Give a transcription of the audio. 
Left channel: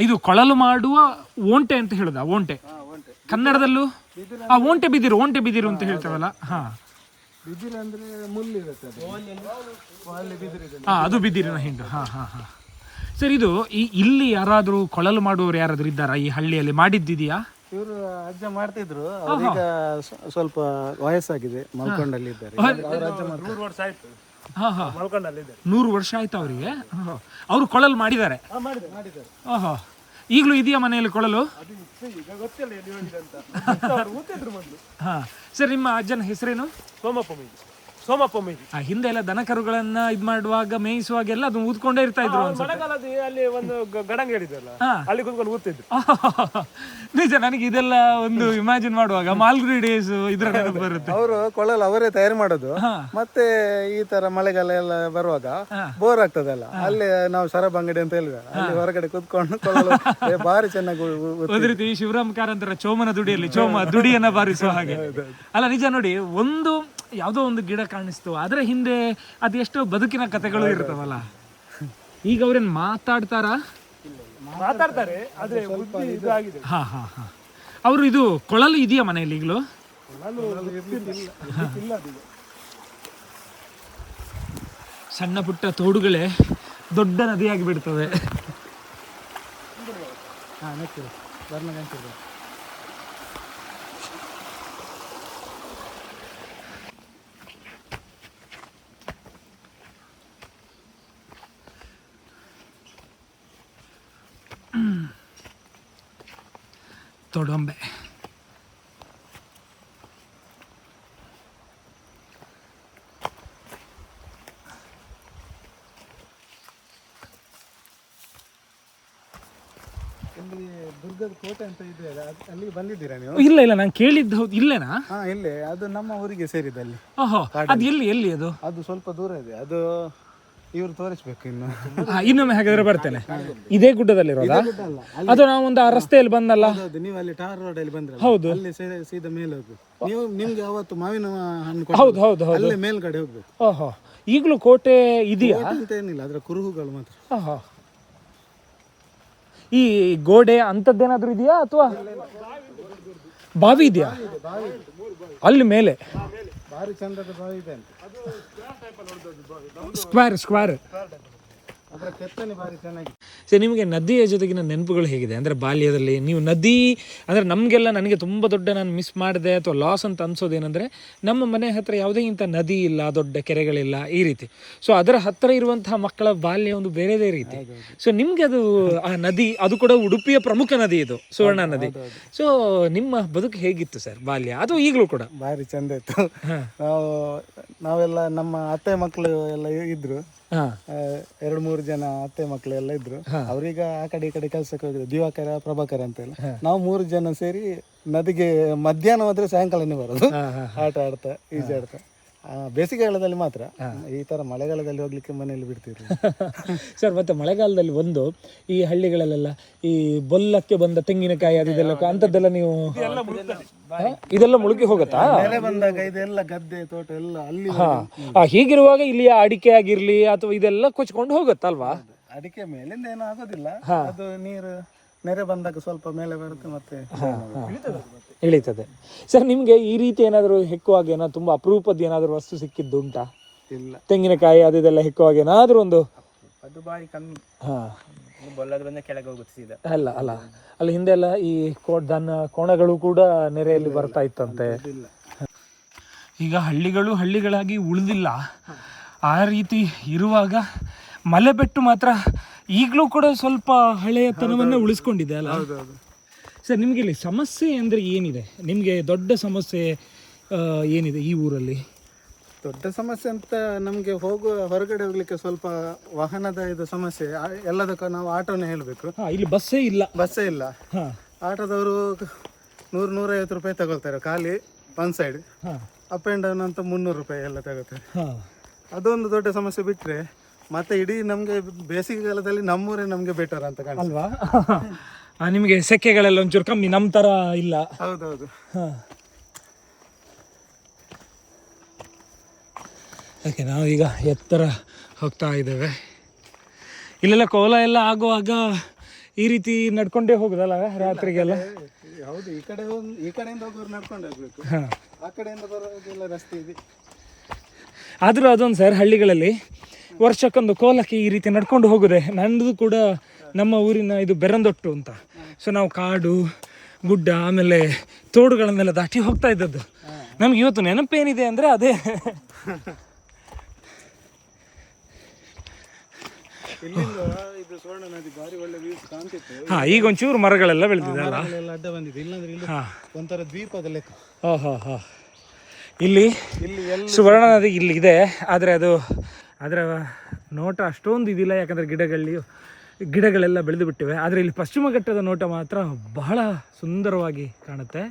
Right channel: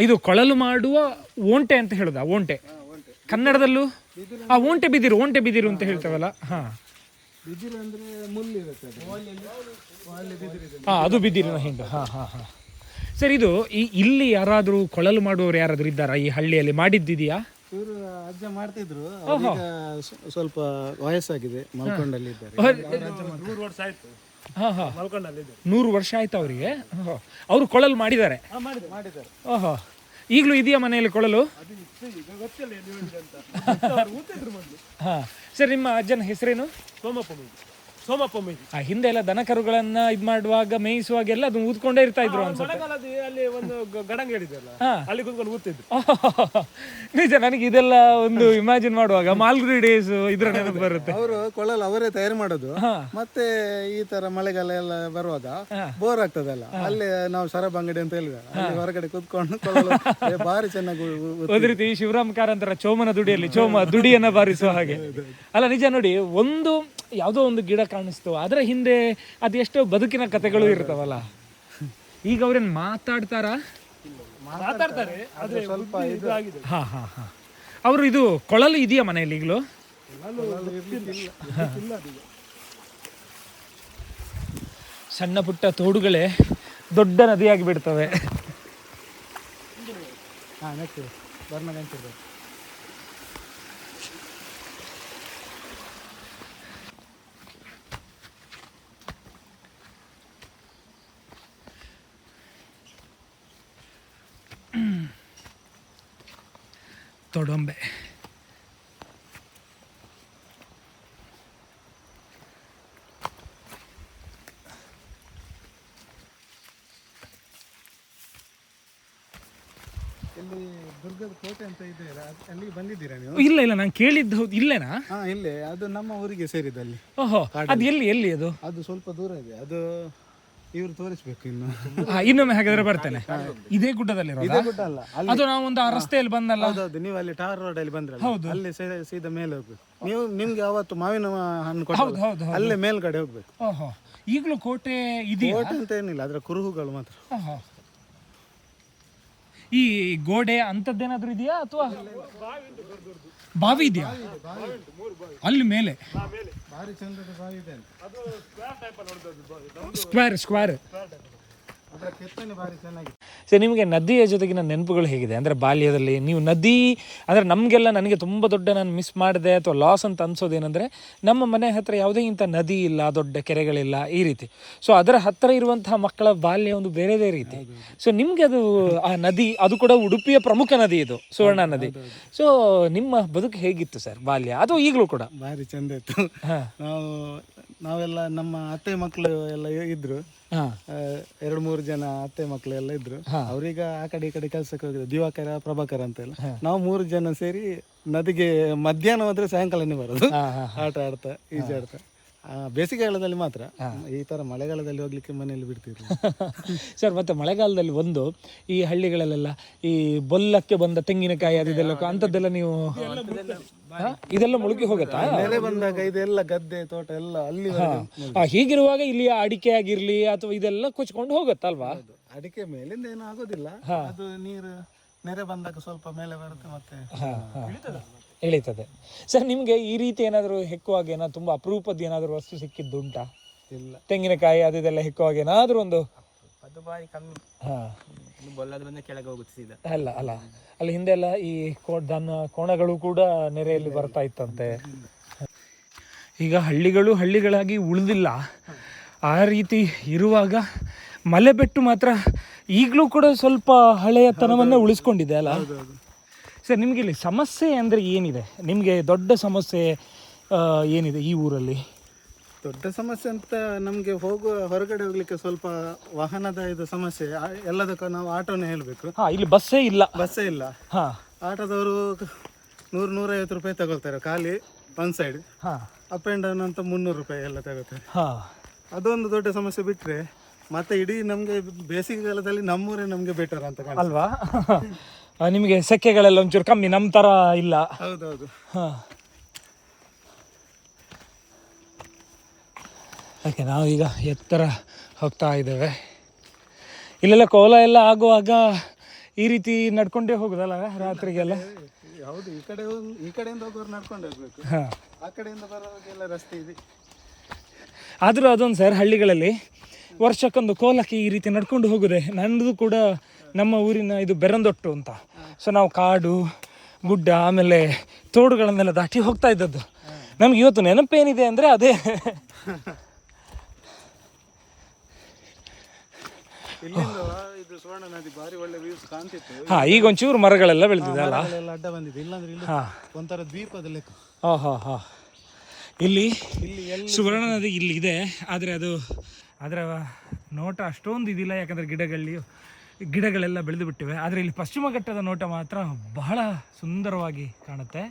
ಇದು ಕೊಳಲು ಮಾಡುವ ಓಂಟೆ ಅಂತ ಹೇಳುದಾ ಓಂಟೆ. ಕನ್ನಡದಲ್ಲೂ? ಆ ಓಂಟೆ ಬಿದಿರು ಓಂಟೆ ಬಿದಿರು ಅಂತ ಹೇಳ್ತೇವಲ್ಲ ಹಾ. ಬಿದಿರು ಅಂದ್ರೆ ಮುಳ್ಳು ಇರುತ್ತೆ ಅದು. ಅಲ್ಲಿ ಬಿದಿರು ಇದೆ. ಹಾ ಅದು ಬಿದಿರಿನ ಹಿಂದೆ ಹಾ ಹಾ ಹಾ. ಸರ್ ಇದು ಈ ಇಲ್ಲಿ ಯಾರಾದರೂ ಕೊಳಲು ಮಾಡುವವರು ಯಾರಾದರೂ ಇದ್ದಾರಾ? ಈ ಹಳ್ಳಿಯಲ್ಲಿ ಮಾಡಿದ್ದಿದೆಯಾ? ಇವರು ಅಜ್ಜ ಮಾಡ್ತಿದ್ರು. ಅವ್ರೀಗ ಸ್ವಲ್ಪ ವಯಸ್ಸಾಗಿದೆ ಮಲ್ಕೊಂಡಲ್ಲಿ ಇದ್ದಾರೆ. ನೂರು ವರ್ಷ ಆಯ್ತು. ಹಾ ಹಾ. ಮಲ್ಕೊಂಡಲ್ಲಿದೆ ನೂರು ವರ್ಷ ಆಯ್ತು ಅವರಿಗೆ? ಅವರು ಕೊಳಲು ಮಾಡಿದ್ದಾರೆ? ಮಾಡಿದೆ ಮಾಡಿದ್ದಾರೆ ಈಗಲೂ ಇದೆಯಾ ಮನೆಯಲ್ಲಿ ಕೊಳಲು? ಸರ್ ನಿಮ್ಮ ಅಜ್ಜನ ಹೆಸರೇನು? ಸೋಮಪ್ಪ ಸೋಮಪ್ಪ ಆ, ಹಿಂದೆ ಎಲ್ಲ ದನ ಕರುಗಳನ್ನ ಇದ್ ಮಾಡುವಾಗ ಮೇಯಿಸುವಾಗ ಎಲ್ಲ ಅದು ಊದ್ಕೊಂಡೇ ಇರ್ತಾ ಇದ್ರು ಅವ್ರು ಮಳೆಗಾಲದ ಅಲ್ಲಿ ಒಂದು ಗ- ಗಡಂಗ ಹೇಳಿದ್ರಲ್ಲ ಅಲ್ಲಿ ಕುತ್ಕೊಂಡು ಊದ್ತಿದ್ರು. ನಿಜ ನನಗೆ ಇದೆಲ್ಲ ಒಂದು ಇಮ್ಯಾಜಿನ್ ಮಾಡುವಾಗ ಮಾಲ್ಗುಡಿ ಡೇಸ್ ಇದ್ರ ನೆನಪು ಬರುತ್ತೆ. ಅವರು ಕೊಳಲು ಅವರೇ ತಯಾರು ಮಾಡೋದು. ಮತ್ತೆ ಈ ತರ ಮಳೆಗಾಲ ಎಲ್ಲ ಬರುವಾಗ ಬೋರ್ ಆಗ್ತದಲ್ಲ ಅಲ್ಲಿ ನಾವು ಶರಬ್ ಅಂಗಡಿ ಅಂತ ಹೇಳಿದ ಅಲ್ಲಿ ಹೊರಗಡೆ ಕೂತ್ಕೊಂಡು ಕೊಳಲು ಬಾರಿ ಭಾರಿ ಚೆನ್ನಾಗಿ ಉ- ಉ- ಉ- ಅದೇ ರೀತಿ ಶಿವರಾಮ್ ಕಾರಂತರ ಚೋಮನ ದುಡಿಯಲ್ಲಿ ಚೋಮ ದುಡಿಯನ್ನ ಬಾರಿಸುವ ಹಾಗೆ. ಅಲ್ಲ ನಿಜ ನೋಡಿ ಒಂದು ಯಾವುದೋ ಒಂದು ಗಿಡ ಕಾಣಿಸ್ತು. ಅದರ ಹಿಂದೆ ಅದೆಷ್ಟೋ ಬದುಕಿನ ಕಥೆಗಳು ಇರ್ತಾವಲ್ಲ. ಈಗ ಅವ್ರೇನ್ ಮಾತಾಡ್ತಾರಾ? ಮಾತಾಡ್ತಾರೆ ಆದ್ರೆ ಇದಾಗಿದೆ. ಹಾ ಹಾ ಹಾ. ಅವರು ಇದು ಕೊಳಲು ಇದೆಯಾ ಮನೆಯಲ್ಲಿ ಈಗಲೂ? ಸಣ್ಣ ಪುಟ್ಟ ತೋಡುಗಳೇ ದೊಡ್ಡ ನದಿಯಾಗಿ ಬಿಡ್ತವೆ ತೊಡೊಂಬೆ. ಇಲ್ಲಿ ದುರ್ಗದ ಕೋಟೆ ಅಂತ ಇದೆ ಅಲ್ಲ, ಬಂದಿದ್ದೀರಾ ನೀವು? ಇಲ್ಲ ಇಲ್ಲ ನಾನು ಕೇಳಿದ್ದು ಹೌದು ಇಲ್ಲೇನಾ? ಹಾ ಇಲ್ಲೇ ಅದು ನಮ್ಮ ಊರಿಗೆ ಸೇರಿದಲ್ಲಿ ಓಹೋ ಅದು ಎಲ್ಲಿ ಎಲ್ಲಿ ಅದು? ಅದು ಸ್ವಲ್ಪ ದೂರ ಇದೆ ಅದು ಇವ್ರು ತೋರಿಸ್ಬೇಕು ಇನ್ನು. ಇನ್ನೊಮ್ಮೆ ಹಾಗಾದ್ರೆ ಬರ್ತೇನೆ. ಇದೇ ಗುಡ್ಡದಲ್ಲಿ ಅದು ನಾವು ಒಂದು ಆ ರಸ್ತೆಯಲ್ಲಿ ಬಂದಲ್ಲ? ಹೌದು ನೀವು ಅಲ್ಲಿ ಟಾರ್ ರೋಡ್ ಅಲ್ಲಿ ಹೌದು. ಅಲ್ಲಿ ಸೀದಾ- ಮೇಲೆ ಹೋಗ್ಬೇಕು. ನೀವು ನಿಮ್ಗೆ ಅವತ್ತು ಮಾವಿನ ಹಣ್ಣು ಹೌದು ಹೌದು ಹೌದು. ಅಲ್ಲೇ ಮೇಲ್ಗಡೆ ಹೋಗ್ಬೇಕು. ಓಹೋ ಈಗಲೂ ಕೋಟೆ ಇದೆಯಾ? ಕೋಟೆ ಅಂತ ಏನಿಲ್ಲ ಅದರ ಕುರುಹುಗಳು ಮಾತ್ರ. ಓಹೋ. ಈ ಗೋಡೆ ಅಂಥದ್ದೇನಾದ್ರೂ ಇದೆಯಾ ಅಥವಾ ಬಾವಿ ಇದೆಯಾ? ಅಲ್ಲಿ ಮೇಲೆ. ಭಾರಿ ಚಂದದ ಬಾವಿ ಇದೆ ಅಂತ? ಸ್ಕ್ವೇರ್ ಸ್ಕ್ವೇರ್ ಅದರ ಕೆತ್ತನೆ ಸೊ ನಿಮಗೆ ನದಿಯ ಜೊತೆಗಿನ ನೆನಪುಗಳು ಹೇಗಿದೆ? ಅಂದರೆ ಬಾಲ್ಯದಲ್ಲಿ ನೀವು ನದಿ ಅಂದರೆ ನಮಗೆಲ್ಲ ನನಗೆ ತುಂಬ ದೊಡ್ಡ ನಾನು ಮಿಸ್ ಮಾಡಿದೆ ಅಥವಾ ಲಾಸ್ ಅಂತ ಅನ್ಸೋದು ಏನಂದರೆ ನಮ್ಮ ಮನೆ ಹತ್ತಿರ ಯಾವುದೇ ಇಂಥ ನದಿ ಇಲ್ಲ ದೊಡ್ಡ ಕೆರೆಗಳಿಲ್ಲ ಈ ರೀತಿ. ಸೊ ಅದರ ಹತ್ತಿರ ಇರುವಂತಹ ಮಕ್ಕಳ ಬಾಲ್ಯ ಒಂದು ಬೇರೆದೇ ರೀತಿ. ಸೊ ನಿಮಗೆ ಅದು ಆ ನದಿ ಅದು ಕೂಡ ಉಡುಪಿಯ ಪ್ರಮುಖ ನದಿ ಇದು ಸುವರ್ಣ ನದಿ. ಸೊ ನಿಮ್ಮ ಬದುಕು ಹೇಗಿತ್ತು ಸರ್ ಬಾಲ್ಯ? ಅದು ಈಗಲೂ ಕೂಡ? ಭಾರಿ ಚಂದ ಇತ್ತು. ನಾವು ನಾವೆಲ್ಲ ನಮ್ಮ ಅತ್ತೆ ಮಕ್ಕಳು ಎಲ್ಲ ಇದ್ರು. ಆ, ಎರಡು ಮೂರು ಜನ ಅತ್ತೆ ಮಕ್ಕಳು ಎಲ್ಲ ಇದ್ರು. ಅವ್ರೀಗ ಆ ಕಡೆ ಈ ಕಡೆ ಕೆಲಸಕ್ಕೆ ಹೋಗಿದ್ರು. ದಿವಾಕರ ಪ್ರಭಾಕರ ಅಂತ ಎಲ್ಲ. ನಾವು ಮೂರು ಜನ ಸೇರಿ ನದಿಗೆ ಮಧ್ಯಾಹ್ನ ಹೋದ್ರೆ ಸಾಯಂಕಾಲನೇ ಬರೋದು. ಆಟ ಆಡ್ತಾ ಈಜಾಡ್ತಾ. ಬೇಸಿಗೆಗಾಲದಲ್ಲಿ ಮಾತ್ರ ಈ ತರ ಮಳೆಗಾಲದಲ್ಲಿ ಹೋಗ್ಲಿಕ್ಕೆ ಮನೆಯಲ್ಲಿ ಬಿಡ್ತಿರ್ಲಿಲ್ಲ. ಸರ್ ಮತ್ತೆ ಮಳೆಗಾಲದಲ್ಲಿ ಒಂದು ಈ ಹಳ್ಳಿಗಳಲ್ಲೆಲ್ಲ ಈ ಬೊಲ್ಲಕ್ಕೆ ಬಂದ ತೆಂಗಿನಕಾಯಿ ಅದು ಅಂತದ್ದೆಲ್ಲ ಅಂಥದ್ದೆಲ್ಲ ನೀವು ಇದೆಲ್ಲ ಮುಳುಗಿ ಹೋಗುತ್ತಾ? ಮಳೆ ಬಂದಾಗ ಇದೆಲ್ಲ ಗದ್ದೆ ತೋಟ ಎಲ್ಲ ಅಲ್ಲಿ ಆ, ಹೀಗಿರುವಾಗ ಇಲ್ಲಿಯ ಅಡಿಕೆ ಆಗಿರ್ಲಿ ಅಥವಾ ಇದೆಲ್ಲ ಕೊಚ್ಕೊಂಡು ಹೋಗುತ್ತಲ್ವಾ? ಅಡಿಕೆ ಮೇಲಿಂದ ಏನೂ ಆಗೋದಿಲ್ಲ. ಅದು ನೀರು ನೆರೆ ಬಂದಾಗ ಸ್ವಲ್ಪ ಮೇಲೆ ಬರುತ್ತೆ ಮತ್ತೆ ಇಳಿತದೆ. ಸರ್ ನಿಮ್ಗೆ ಈ ರೀತಿ ಏನಾದರೂ ಹೆಕ್ಕುವಾಗ ಏನಾದ್ರು ತುಂಬಾ ಅಪರೂಪದ ಏನಾದರೂ ವಸ್ತು ಸಿಕ್ಕಿದ್ದು ಉಂಟಾ ಇಲ್ಲ. ತೆಂಗಿನಕಾಯಿ ಅದು ಇದೆಲ್ಲ ಹೆಕ್ಕುವಾಗ ಏನಾದರೂ ಒಂದು ಅದು ಬಾರಿ ಕಮ್ಮಿ. ಹಾ. ಬೊಲ್ಲದು ಬಂದ ಕೆಳಗೆ ಹೋಗುತ್ತೆ ಸೀದಾ. ಅಲ್ಲ ಅಲ್ಲ. ಅಲ್ಲಿ ಹಿಂದೆ ಎಲ್ಲ ಈ ದನ ಕೋಣಗಳು ಕೂಡ ನೆರೆಯಲ್ಲಿ ಬರ್ತಾ ಇತ್ತಂತೆ. ಈಗ ಹಳ್ಳಿಗಳು ಹಳ್ಳಿಗಳಾಗಿ ಉಳಿದಿಲ್ಲ. ಆ ರೀತಿ ಇರುವಾಗ ಮಲೆಬೆಟ್ಟು ಮಾತ್ರ ಈಗಲೂ ಕೂಡ ಸ್ವಲ್ಪ ಹಳೆಯತನವನ್ನ ಉಳಿಸ್ಕೊಂಡಿದೆ ಅಲ್ಲ? ಸರ್ ನಿಮಗೆ ಇಲ್ಲಿ ಸಮಸ್ಯೆ ಅಂದರೆ ಏನಿದೆ? ನಿಮಗೆ ದೊಡ್ಡ ಸಮಸ್ಯೆ ಏನಿದೆ ಈ ಊರಲ್ಲಿ? ದೊಡ್ಡ ಸಮಸ್ಯೆ ಅಂತ ನಮಗೆ ಹೋಗುವ ಹೊರಗಡೆ ಹೋಗ್ಲಿಕ್ಕೆ ಸ್ವಲ್ಪ ವಾಹನದ ಇದು ಸಮಸ್ಯೆ ಎಲ್ಲದಕ್ಕೂ ನಾವು ಆಟೋನೇ ಹೇಳಬೇಕು. ಇಲ್ಲಿ ಬಸ್ಸೇ ಇಲ್ಲ. ಬಸ್ಸೇ ಇಲ್ಲ. ಹಾ. ಆಟೋದವರು ನೂರು ನೂರೈವತ್ತು ರೂಪಾಯಿ ತಗೊಳ್ತಾರೆ ಖಾಲಿ ಒನ್ ಸೈಡ್ ಹಾ. ಅಪ್ ಆ್ಯಂಡ್ ಡೌನ್ ಅಂತ ಮುನ್ನೂರು ರೂಪಾಯಿ ಎಲ್ಲ ತಗೋತಾರೆ ಹಾ. ಅದೊಂದು ದೊಡ್ಡ ಸಮಸ್ಯೆ ಬಿಟ್ಟರೆ ಮತ್ತೆ ಇಡೀ ನಮಗೆ ಬೇಸಿಗೆಗಾಲದಲ್ಲಿ ನಮ್ಮೂರೇ ನಮಗೆ ಬೆಟರ್ ಅಂತ ಕಾಣ ಅಲ್ವಾ? ನಿಮಗೆ ಸೆಕೆಗಳೆಲ್ಲ ಒಂಚೂರು ಕಮ್ಮಿ ನಮ್ಮ ಥರ ಇಲ್ಲ. ಹೌದೌದು. ಹಾಂ. ಓಕೆ ನಾವೀಗ ಎತ್ತರ ಹೋಗ್ತಾ ಇದ್ದೇವೆ. ಇಲ್ಲೆಲ್ಲ ಕೋಲ ಎಲ್ಲ ಆಗುವಾಗ ಈ ರೀತಿ ನಡ್ಕೊಂಡೇ ಹೋಗುದಲ್ಲ ರಾತ್ರಿಗೆಲ್ಲ? ಹೌದು ಈ ಕಡೆ ಈ ಕಡೆಯಿಂದ ಹೋಗೋರು ನಡ್ಕೊಂಡೇ ಹೋಗ್ಬೇಕು. ಹಾ. ಆ ಕಡೆಯಿಂದ ಬರೋದೆಲ್ಲ ರಸ್ತೆ ಇದೆ. ಆದರೂ ಅದೊಂದು ಸರ್ ಹಳ್ಳಿಗಳಲ್ಲಿ ವರ್ಷಕ್ಕೊಂದು ಕೋಲಕ್ಕೆ ಈ ರೀತಿ ನಡ್ಕೊಂಡು ಹೋಗುದೆ ನಂದು ಕೂಡ ನಮ್ಮ ಊರಿನ ಇದು ಬೆರಂದೊಟ್ಟು ಅಂತ. ಸೊ ನಾವು ಕಾಡು ಗುಡ್ಡ ಆಮೇಲೆ ತೋಡುಗಳನ್ನೆಲ್ಲ ದಾಟಿ ಹೋಗ್ತಾ ಇದ್ದದ್ದು. ನಮ್ಗೆ ಇವತ್ತು ನೆನಪೇನಿದೆ ಅಂದರೆ ಅದೇ. ಹಾ ಈಗ ಒಂಚೂರು ಮರಗಳೆಲ್ಲ ಬೆಳೆದಿದೆ ಅಲ್ಲ? ಅಡ್ಡ ಬಂದಿದೆ. ಇಲ್ಲಾಂದ್ರೆ ಇಲ್ಲಿ ಒಂಥರ ದ್ವೀಪದ ಲೆಕ್ಕ. ಹಾ ಹಾ. ಹಾಂ ಇಲ್ಲಿ ಇಲ್ಲಿ ಸುವರ್ಣ ನದಿ ಇಲ್ಲಿ ಇದೆ ಆದರೆ ಅದು ಆದರೆ ನೋಟ ಅಷ್ಟೊಂದು ಇದಿಲ್ಲ, ಯಾಕಂದರೆ ಗಿಡಗಳಲ್ಲಿ ಗಿಡಗಳೆಲ್ಲ ಬೆಳೆದು ಬಿಟ್ಟಿವೆ. ಆದರೆ ಇಲ್ಲಿ ಪಶ್ಚಿಮ ಘಟ್ಟದ ನೋಟ ಮಾತ್ರ ಬಹಳ ಸುಂದರವಾಗಿ ಕಾಣುತ್ತೆ.